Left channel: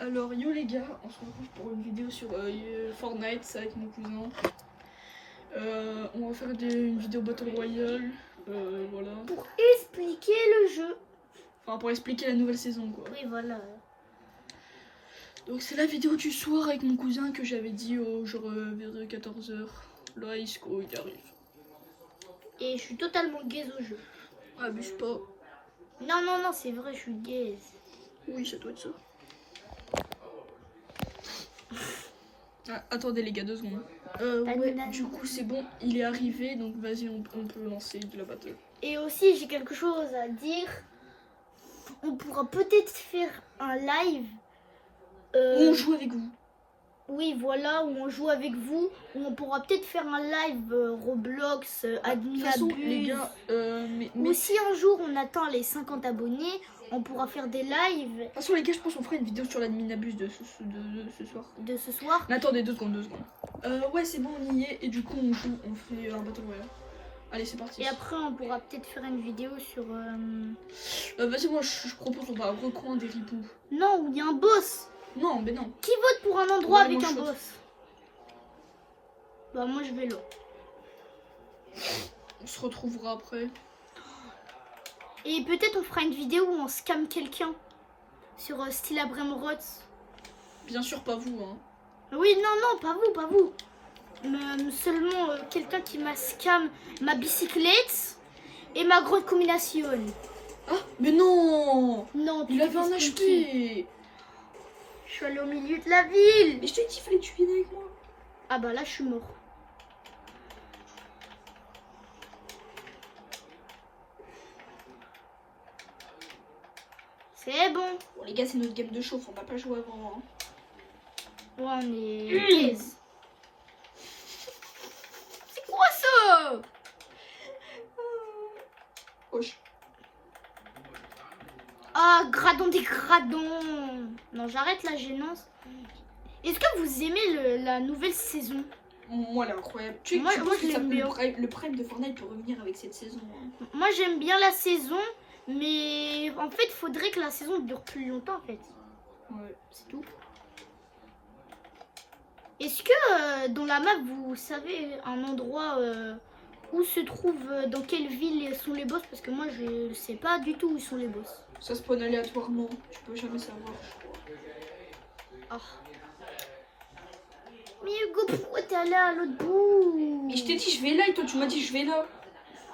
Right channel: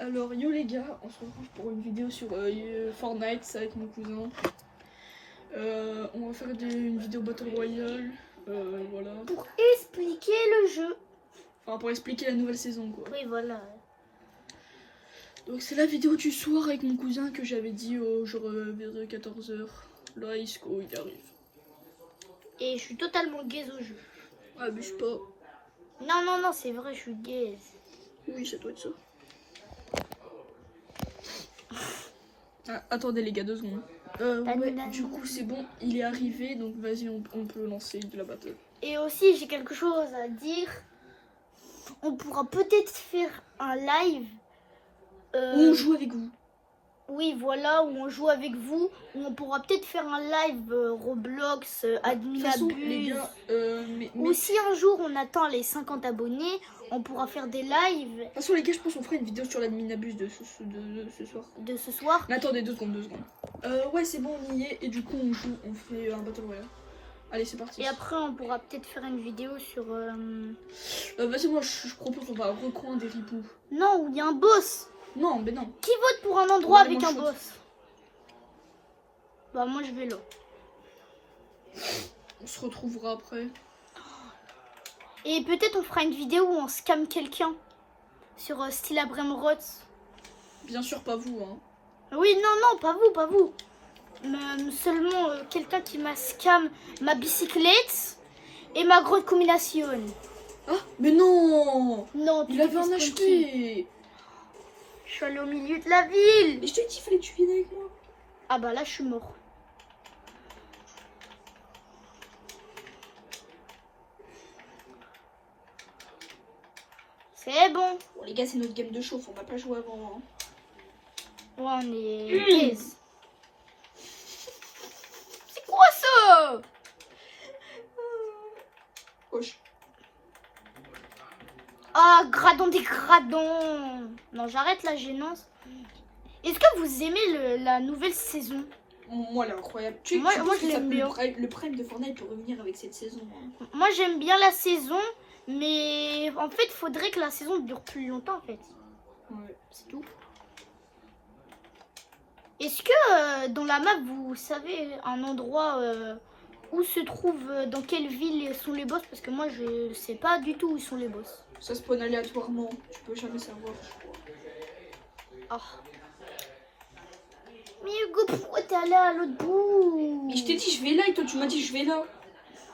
Alors yo les gars, on se retrouve pour une vidéo sur Fortnite, c'est avec mon cousin. On va faire une vidéo Battle Royale, voilà. Pour expliquer le jeu. Enfin pour expliquer la nouvelle saison quoi. Oui voilà. Donc c'est la vidéo du soir avec mon cousin que j'avais dit genre vers 14h. Là Isco il arrive. Et je suis totalement gaze au jeu. Abuse pas. Non, c'est vrai, je suis gaze. Oui ça doit être ça. Ah, attendez les gars 2 secondes. Ouais, du coup c'est bon, il est arrivé, donc vas-y on peut lancer de la battle. Et aussi j'ai quelque chose à dire. On pourra peut-être faire un live. On joue avec vous. Oui voilà, où on joue avec vous. Où on pourra peut-être faire un live Roblox, De toute façon les gars, Ou si un jour on atteint les 50 abonnés, on pourra faire des lives. De toute façon les gars, je pense qu'on fera une vidéo sur l'adminabuse de ce soir. De ce soir. Mais attendez 2 secondes. Ouais c'est bon, on y est et du coup on joue, on fait un Battle Royale. Allez c'est parti. Et après on pourra peut-être faire une vidéo sur... Vas-y moi je propose on va au recoin des ripoux. Non, où il y a un boss. Non mais non. Qui vote pour un endroit Ouais, avec moi, un je vote. boss? Bah moi je vais là. On se retrouvera après. Et peut-être on fera une vidéo où on scam quelqu'un. Sur style Abramroth. Bien sûr pas vous hein. Oui, non, pas vous. Seulement quelqu'un qui m'a scam ma bicyclette et ma grosse combinaison. Ah mais non. Non, Il avait un HP. Je suis allée au milieu de la ville. Mais je t'ai dit fallait que tu viennes avec moi. Ah bah là je suis mort. C'est bon. Bon les gars c'est notre game de chauffe, on n'a pas joué avant hein. Ouais, on est... C'est quoi ça? Wesh. Ah, gradon des gradons. Non, j'arrête la gênance. Est-ce que vous aimez la nouvelle saison? Moi elle est incroyable. Tu Moi, penses que je ça l'aime peut bien. le prime de Fortnite peut revenir avec cette saison hein. Moi, j'aime bien la saison, mais en fait, il faudrait que la saison dure plus longtemps, en fait. Ouais. C'est tout. Est-ce que dans la map, vous savez un endroit où se trouve, dans quelle ville sont les boss? Parce que moi, je sais pas du tout où sont les boss. Ça spawn aléatoirement, tu peux jamais savoir je crois. Ah. Mais Hugo, pourquoi t'es allé à l'autre bout? Mais je t'ai dit je vais là et toi tu m'as dit je vais là.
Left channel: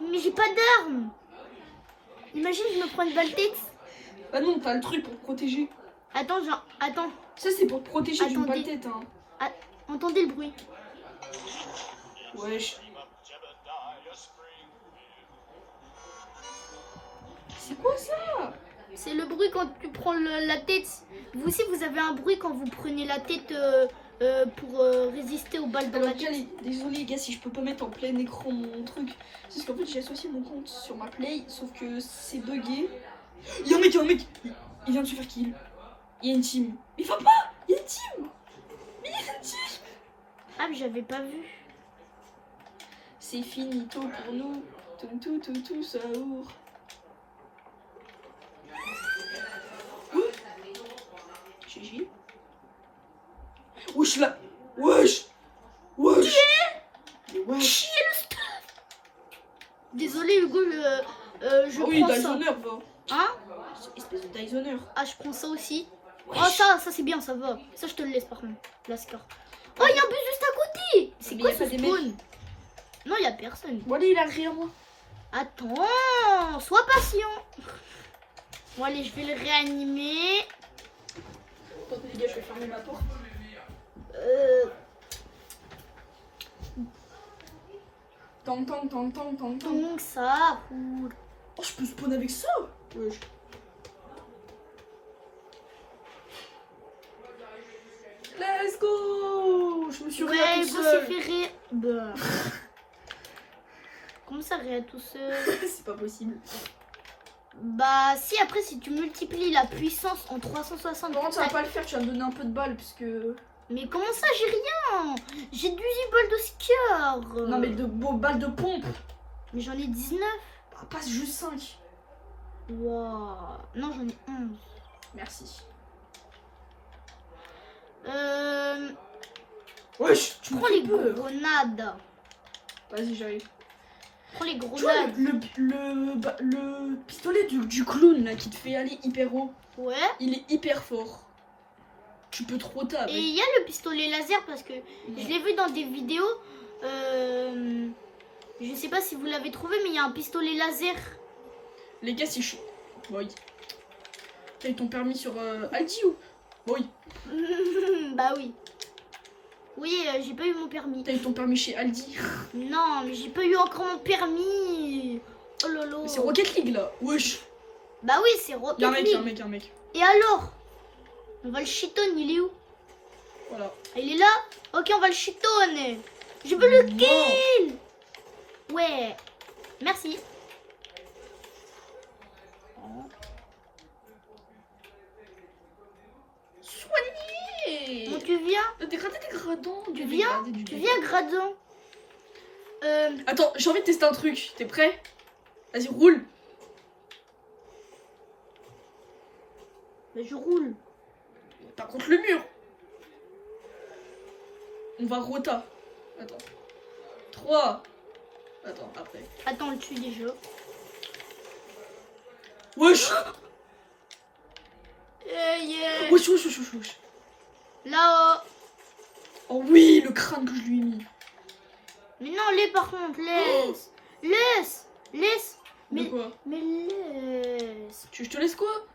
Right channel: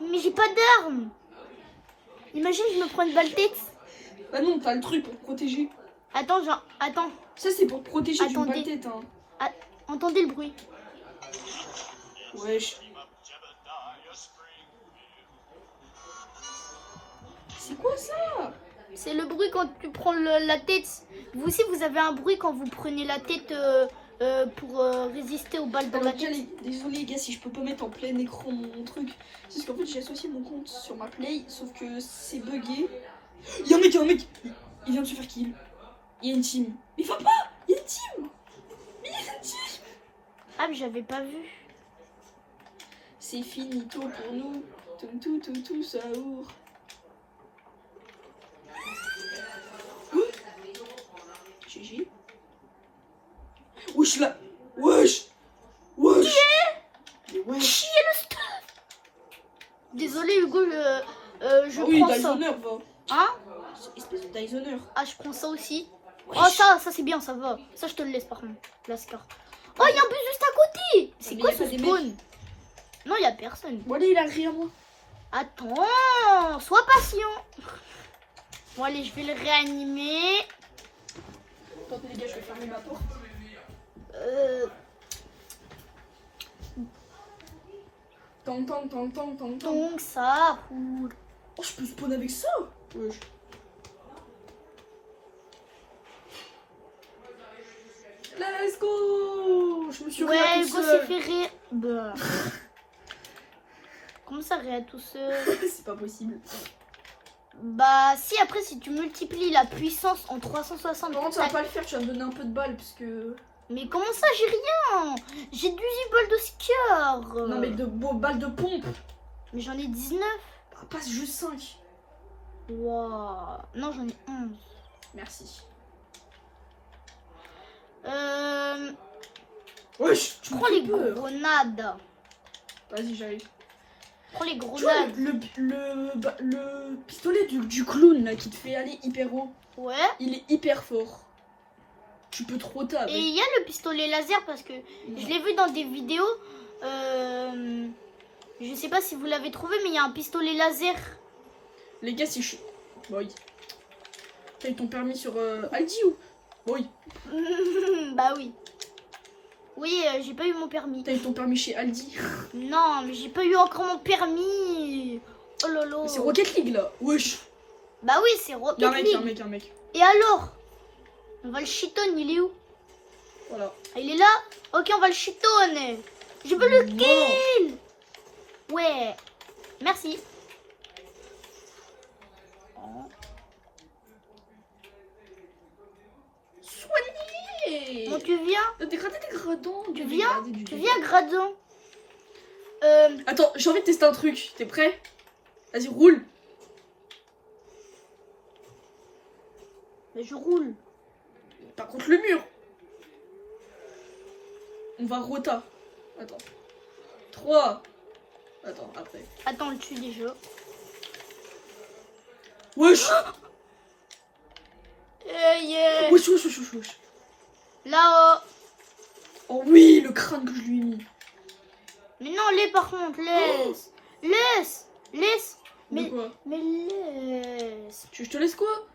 Mais j'ai pas d'armes. Imagine, je me prends une balle tête. Bah non, t'as le truc pour te protéger. Attends, attends. Ça c'est pour te protéger d'une Attendez. balle tête hein. Entendez le bruit. Wesh. C'est quoi ça? C'est le bruit quand tu prends la tête. Vous aussi, vous avez un bruit quand vous prenez la tête pour résister aux balles de la Alors tête. désolé les gars si je peux pas mettre en plein écran mon truc. C'est parce qu'en fait j'ai associé mon compte sur ma play, sauf que c'est bugué. Il y a un mec, il vient de se faire kill. Il y a une team. Mais va pas. Il y a une team. Mais il y a une team. Ah, mais j'avais pas vu. C'est finito pour nous. Tout ça ouvre. GG. Wesh là. Wesh. Mais wesh. Qui est le stuff? Désolé Hugo, je Ah oui, prends ça. Dysoner va. Hein? Espèce de Dysoner. Ah, je prends ça aussi. Wesh. Oh, ça c'est bien, ça va. Ça, je te le laisse par contre. La scar. Oh, il y a un bus juste à côté. C'est Mais quoi y a ce pas des spawn? Non, il y a personne. Bon allez, il a rien moi. Attends, sois patient. Bon, allez, je vais le réanimer. Attendez les gars, je vais fermer ma porte. Tang. Donc ça roule. Oh, je peux spawn avec ça. Wesh. Let's go. Je me suis rien Ouais, tout Hugo s'est seul. fait ré... Bah. Comment ça rien tout seul? C'est pas possible. Bah si, après si tu multiplies la puissance en 360. Par contre, ça va pas le faire, tu vas me donner un peu de balles parce que... Mais comment ça, j'ai rien? J'ai 18 balles de scar. Non mais de balles de pompe. Mais j'en ai 19. Bah, passe juste 5. Waouh. Non, j'en ai 11. Merci. Wesh, tu Prends les grenades. Vas-y, j'arrive. Prends les Tu vois, grenades. le pistolet du clown là qui te fait aller hyper haut, Ouais. il est hyper fort. Tu peux trop Et avec. il y a le pistolet laser parce que je l'ai vu dans des vidéos. Je sais pas si vous l'avez trouvé, mais il y a un pistolet laser. Les gars, si je suis. Oui. T'as eu ton permis sur Aldi ou. Oui. Bah oui. Oui, j'ai pas eu mon permis. T'as eu ton permis chez Aldi. Non, mais j'ai pas eu encore mon permis. Oh lolo. C'est Rocket League là. Wesh. Bah oui, c'est Rocket Y'a un mec, League. y'a un mec, y'a un mec. Et alors? On va le chiton, il est où? Voilà. Il est là? Ok, on va le chiton. Je veux le kill. Ouais. Merci. Soigné. Bon, tu viens? Dégradé, dégradant. Tu viens? Tu viens, Gradon. Attends, j'ai envie de tester un truc. T'es prêt? Vas-y, roule. Bah, je roule. Par contre, le mur. On va rota. Attends. 3. Attends, après. Attends, on le tue déjà. Wesh. Yeah. Wesh, wesh, wesh, wesh, wesh. Là-haut. Oh oui, le crâne que je lui ai mis. Mais non, laisse par contre, laisse. Laisse. De Mais, quoi? mais laisse. Je te laisse quoi?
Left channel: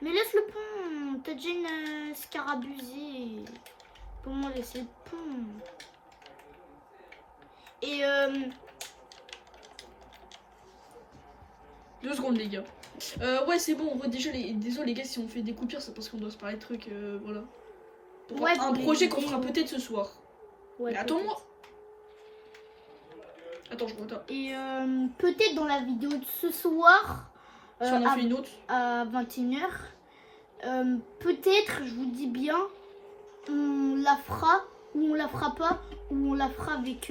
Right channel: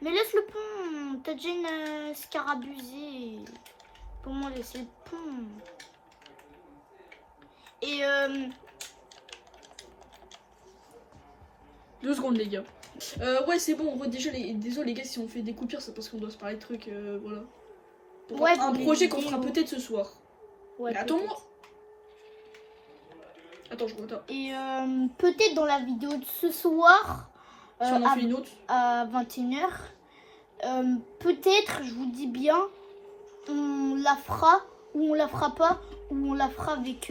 Mais laisse le pont. T'as déjà une scarabusée. Pour moi, laisse le pont. Et 2 secondes, les gars. Ouais, c'est bon. Déjà, désolé, les gars, si on fait des coupures, c'est parce qu'on doit se parler de trucs. Voilà. Pour Ouais, un pour projet les qu'on fera vidéos. peut-être ce soir. ouais, Mais attends-moi. peut-être. Attends, je rota. Et peut-être dans la vidéo de ce soir. Si on en fait une autre. À 21h. Peut-être, je vous dis bien, on la fera ou on la fera pas, ou on la fera avec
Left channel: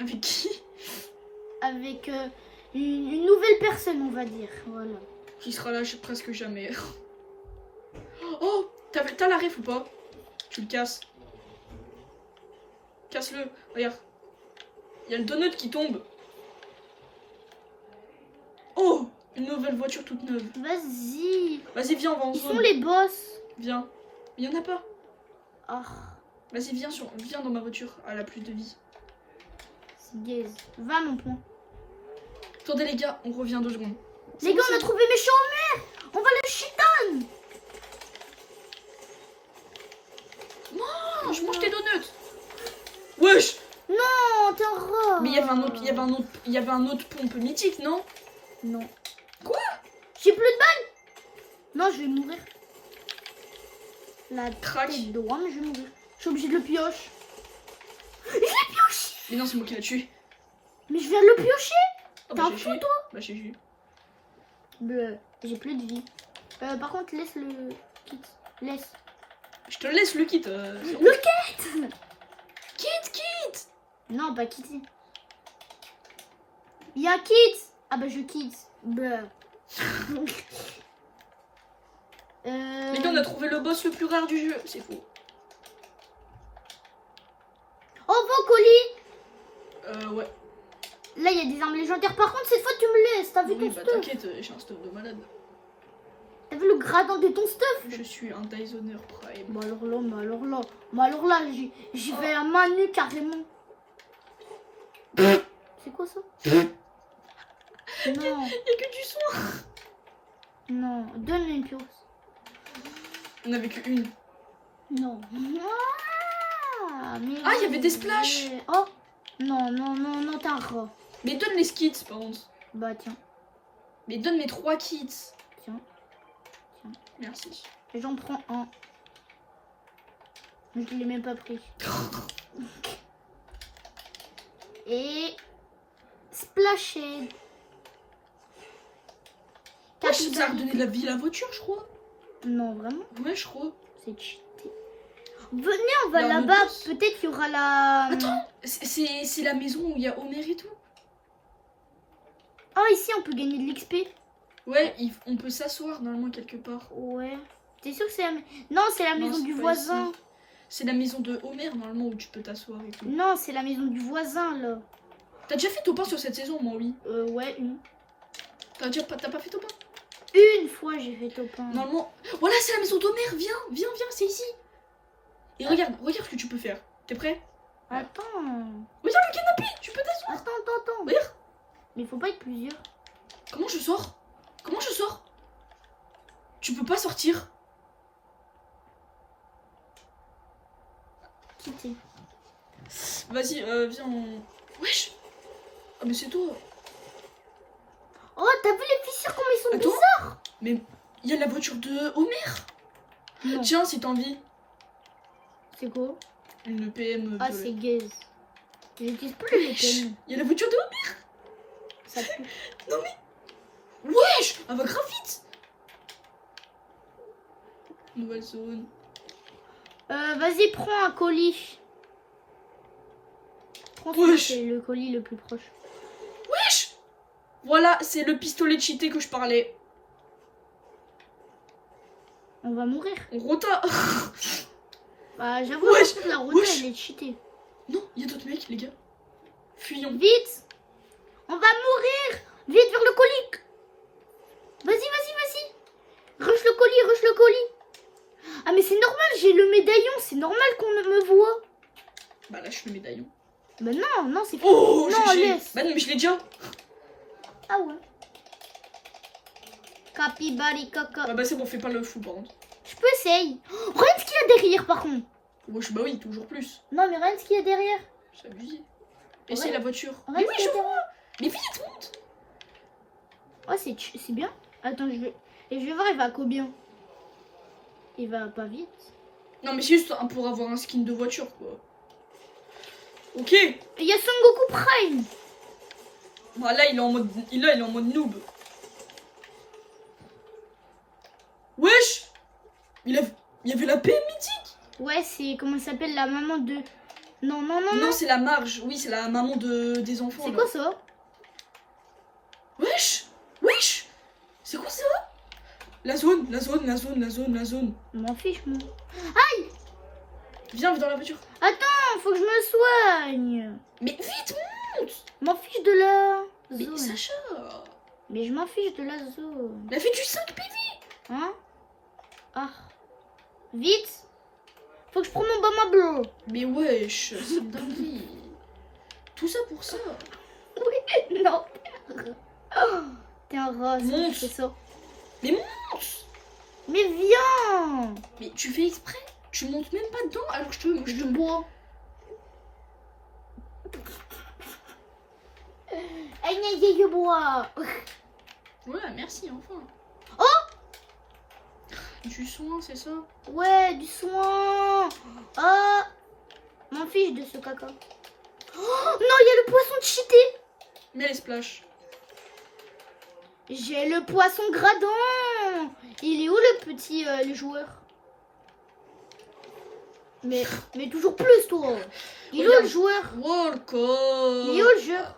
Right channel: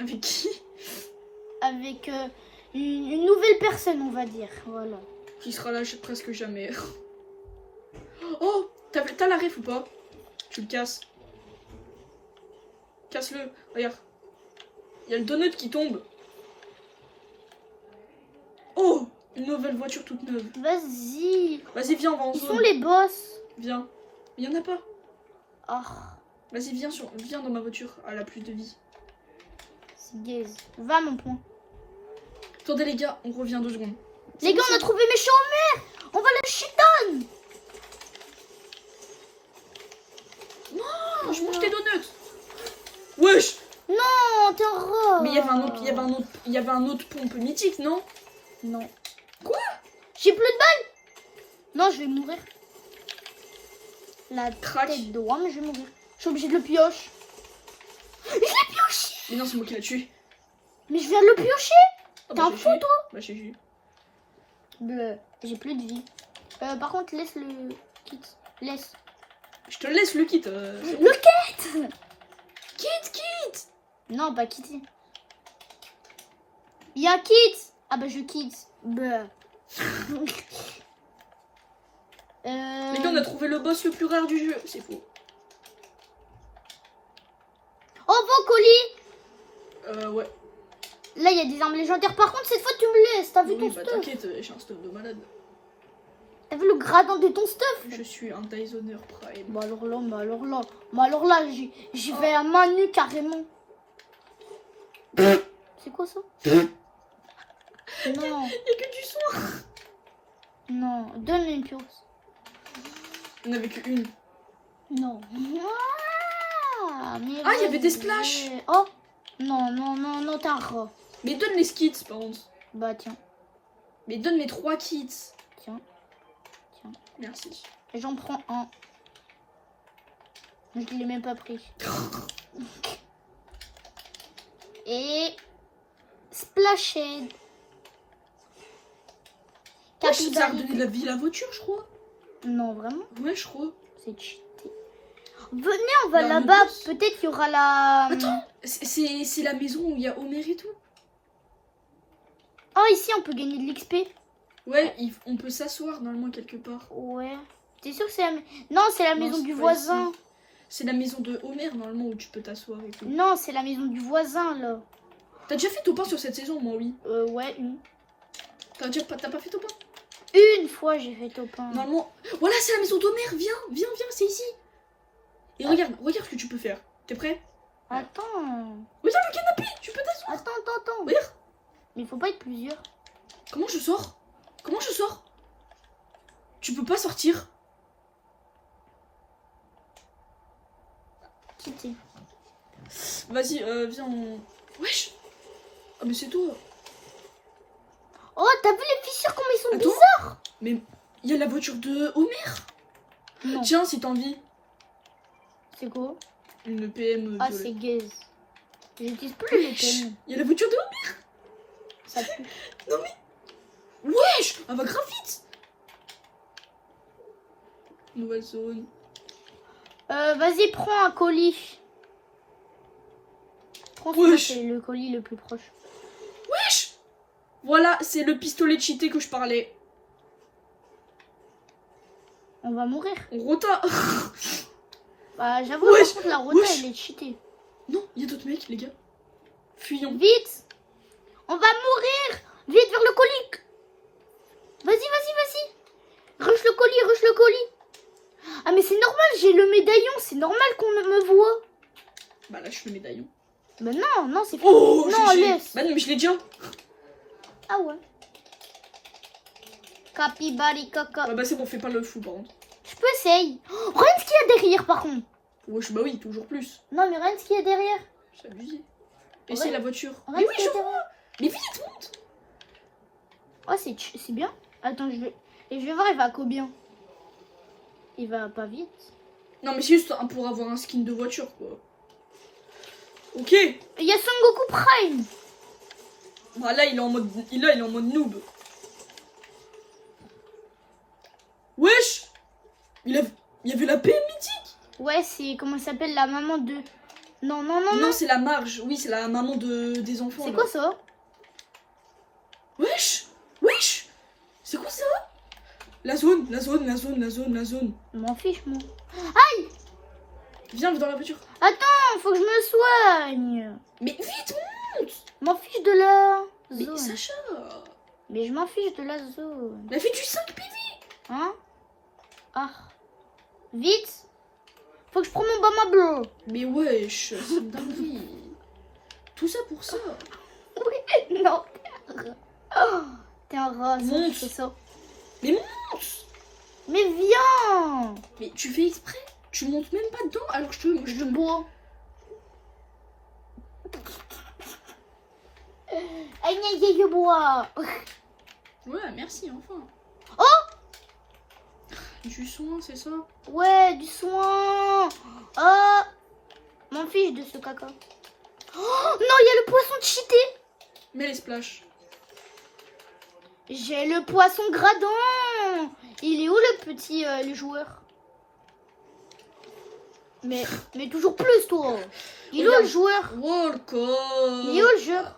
Avec qui? avec une nouvelle personne, on va dire. Voilà. Qui sera là presque jamais. Oh, t'as la ref ou pas? Tu le casses. Casse-le. Regarde. Il y a le donut qui tombe. Oh, une nouvelle voiture toute neuve. Vas-y. Vas-y, viens, on va en Où sont zone. les boss? Viens. Il y en a pas. Ah, Vas-y, viens dans ma voiture. Elle a plus de vie. c'est gaze. Va mon point. Attendez, les gars, on revient 2 secondes. Les gars, on a trouvé méchant en mer. On va le chiton. Non, je mange tes donuts. Wesh. Non, t'es horreur. Mais il y avait un autre pont un peu mythique, non? Non. Quoi? J'ai plus de balles. Non, je vais mourir. La Crac. tête de roi, mais je vais mourir. Je suis obligée de le pioche. Je l'ai pioché. Mais non, c'est moi qui l'ai tué. Mais je viens de le piocher. Oh, T'en GG. fous, toi? Bah, GG. Bleu. J'ai plus de vie. Par contre, laisse le kit. Laisse. Je te laisse le kit. C'est bon. Le kit. Kit. Non, pas Kitty. Il y a Kit. Ah bah je quitte. Bleu. Les gars, on a trouvé le boss le plus rare du jeu. C'est faux. Oh, Vocoli. Ouais. Là, il y a des armes légendaires. Par contre, cette fois, tu me laisses. T'as vu Oui, ton bah stuff? t'inquiète, j'ai un stuff de malade. T'as vu le gradin de ton stuff? Je suis un Dysoner Prime. Bah alors là, j'y vais à main nue carrément. C'est quoi ça? Non, Y'a que du son. non, donne une pioche. On avait que une. Non. Mais Ah, il y avait des splashs. Oh, non, t'as un rat. Mais donne les skits, par contre. Bah tiens, Mais donne mes 3 kits. tiens. Merci. J'en prends un. Je l'ai même pas pris. Et Splashed. Ouais, ça a redonné de la vie à la voiture, je crois. Non, vraiment, Ouais, je crois. c'est cheaté. Venez, on va Là, on là-bas. bosse. Peut-être qu'il y aura la. Attends, c'est la maison où il y a Homer et tout. Oh, ici, on peut gagner de l'XP. Ouais, on peut s'asseoir normalement quelque part. Ouais. T'es sûr que c'est la... Non, c'est la Non, maison c'est du pas voisin. ici. C'est la maison de Homer, normalement, où tu peux t'asseoir et tout. Non, c'est la maison du voisin, là. T'as déjà fait Topin sur cette saison, moi, oui. Ouais, une. T'as pas fait Topin? Une fois, j'ai fait Topin. Normalement... Voilà, c'est la maison d'Homer. Viens, c'est ici. Et regarde ce que tu peux faire. T'es prêt? Attends. Regarde le canapé, tu peux t'asseoir. Attends. Regarde. Mais il faut pas être plusieurs. Comment je sors? Tu peux pas sortir. Kitty. Vas-y, viens. Wesh. Ah, mais c'est toi. Oh, t'as vu les fissures comme ils sont Attends. bizarres? Mais il y a la voiture de Homer. Non. Tiens, si t'as envie. C'est quoi? Une PM Ah, de... c'est gaze. J'utilise plus le pen. Il y a la voiture de Homer. Ça pue. Non mais... Wesh. Elle va grave vite. Nouvelle zone. Vas-y, prends un colis. Prends Wesh. c'est le colis le plus proche. Wesh. Voilà, c'est le pistolet cheaté que je parlais. On va mourir. On rota. Bah, j'avoue, Wesh. par contre, la rota, Wesh. elle est cheatée. Non, il y a d'autres mecs, les gars. Fuyons. Vite. On va mourir. Vite vers le colis. Vas-y. Rush le colis. Ah, mais c'est normal, j'ai le médaillon. C'est normal qu'on me voit. Bah là, je fais le médaillon. Mais non, c'est... Oh, non, GG. laisse. Bah non, mais je l'ai déjà. Ah ouais. Capibari caca. Ouais, bah c'est bon, fais pas le fou, par contre. Je peux essayer. Oh, regarde ce qu'il y a derrière, par contre. Wesh, bah oui, toujours plus. Non, mais regarde ce qu'il y a derrière. C'est abusé. Essaye Ouais. la voiture. Regarde Mais ce oui, qu'il y je a vois. derrière. Mais vite, monte. Oh, c'est bien. Attends, je vais voir, il va à combien? Il va pas vite. Non, mais c'est juste pour avoir un skin de voiture, quoi. Ok. Il y a Son Goku Prime. Bah là, il est en mode, il est en mode noob. Wesh. Il y avait la PM mythique. Ouais, c'est... Comment il s'appelle, la maman de... Non. Non, c'est la Marge. Oui, c'est la maman des enfants. C'est là. quoi ça? Wesh. C'est quoi ça? La zone. Je m'en fiche, moi. Viens dans la voiture. Attends, faut que je me soigne. Mais vite, monte. Je m'en fiche de la Mais zone. Sacha. Mais je m'en fiche de la zone. Elle a fait du 5 PV. Hein? Ah. Vite. Faut que je prenne mon bama bro. Mais wesh, c'est une dinguerie. Tout ça pour ça. Oui, non. Oh, t'es un rat, Monte. c'est ça. Mais monte. Mais viens. Mais tu fais exprès. Tu montes même pas dedans alors que je te... Je bois. Aïe, je bois. Ouais, merci, enfin. Oh. Du soin, c'est ça? Ouais, du soin. Ah. M'en fiche de ce caca. Oh, non, il y a le poisson cheaté. Mais les splash. J'ai le poisson gradant. Il est où le petit le joueur? Mais toujours plus toi. Il est où Regarde. le joueur? Walcott. Il est où le joueur?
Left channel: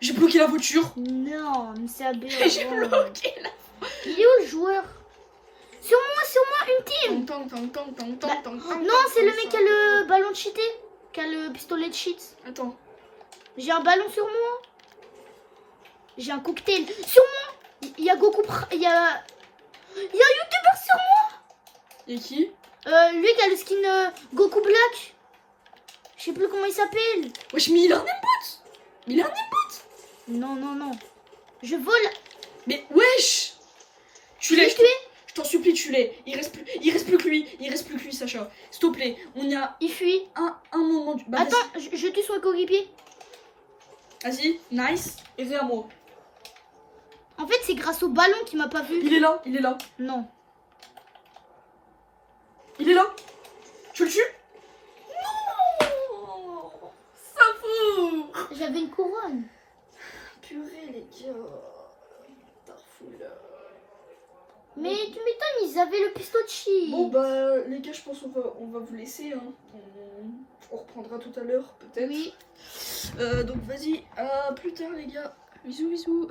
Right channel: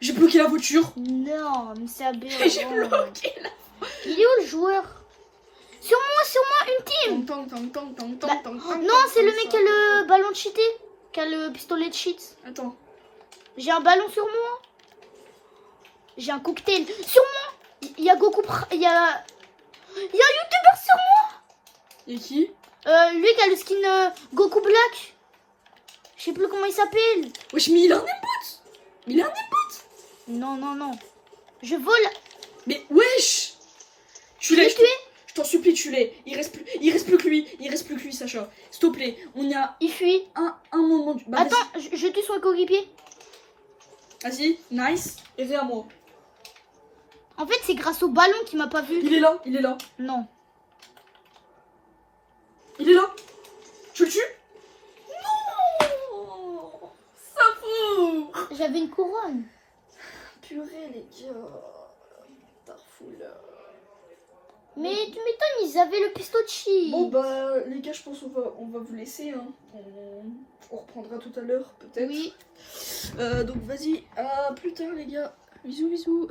J'ai bloqué la voiture. Non, mais c'est aberrant. J'ai bloqué la... Il est où le joueur? Sur moi, une team. Tang, tang, tang, tang, tang, tang, Oh, tang, non, tang, c'est le tang, mec qui ça. a le ballon cheaté. Qui a le pistolet de cheat. Attends. J'ai un ballon sur moi. J'ai un cocktail sur moi. Il y a Goku. Il y a un YouTuber sur moi. Y'a qui? Lui qui a le skin Goku Black. Je sais plus comment il s'appelle. Wesh, mais il a un aimbot. Non. Je vole. Mais wesh. Tu Je l'ai l'es. tué. Je t'en supplie, tu l'es. Il reste plus que lui, Sacha. S'il te plaît, on y a Il fuit. un moment. Bah, Attends, je tue son coéquipier. Vas-y, nice. Et viens à moi. En fait, c'est grâce au ballon qu'il m'a pas vu. Il est là. Non. Il est là. Tu le tues? Non. Ça fout. J'avais une couronne. Purée, les gars. Tarfoula. Mais tu m'étonnes, ils avaient le pistolet. Bon bah les gars, je pense qu'on va vous laisser, hein. On reprendra tout à l'heure peut-être. Oui. Donc vas-y, à plus tard les gars. Bisous.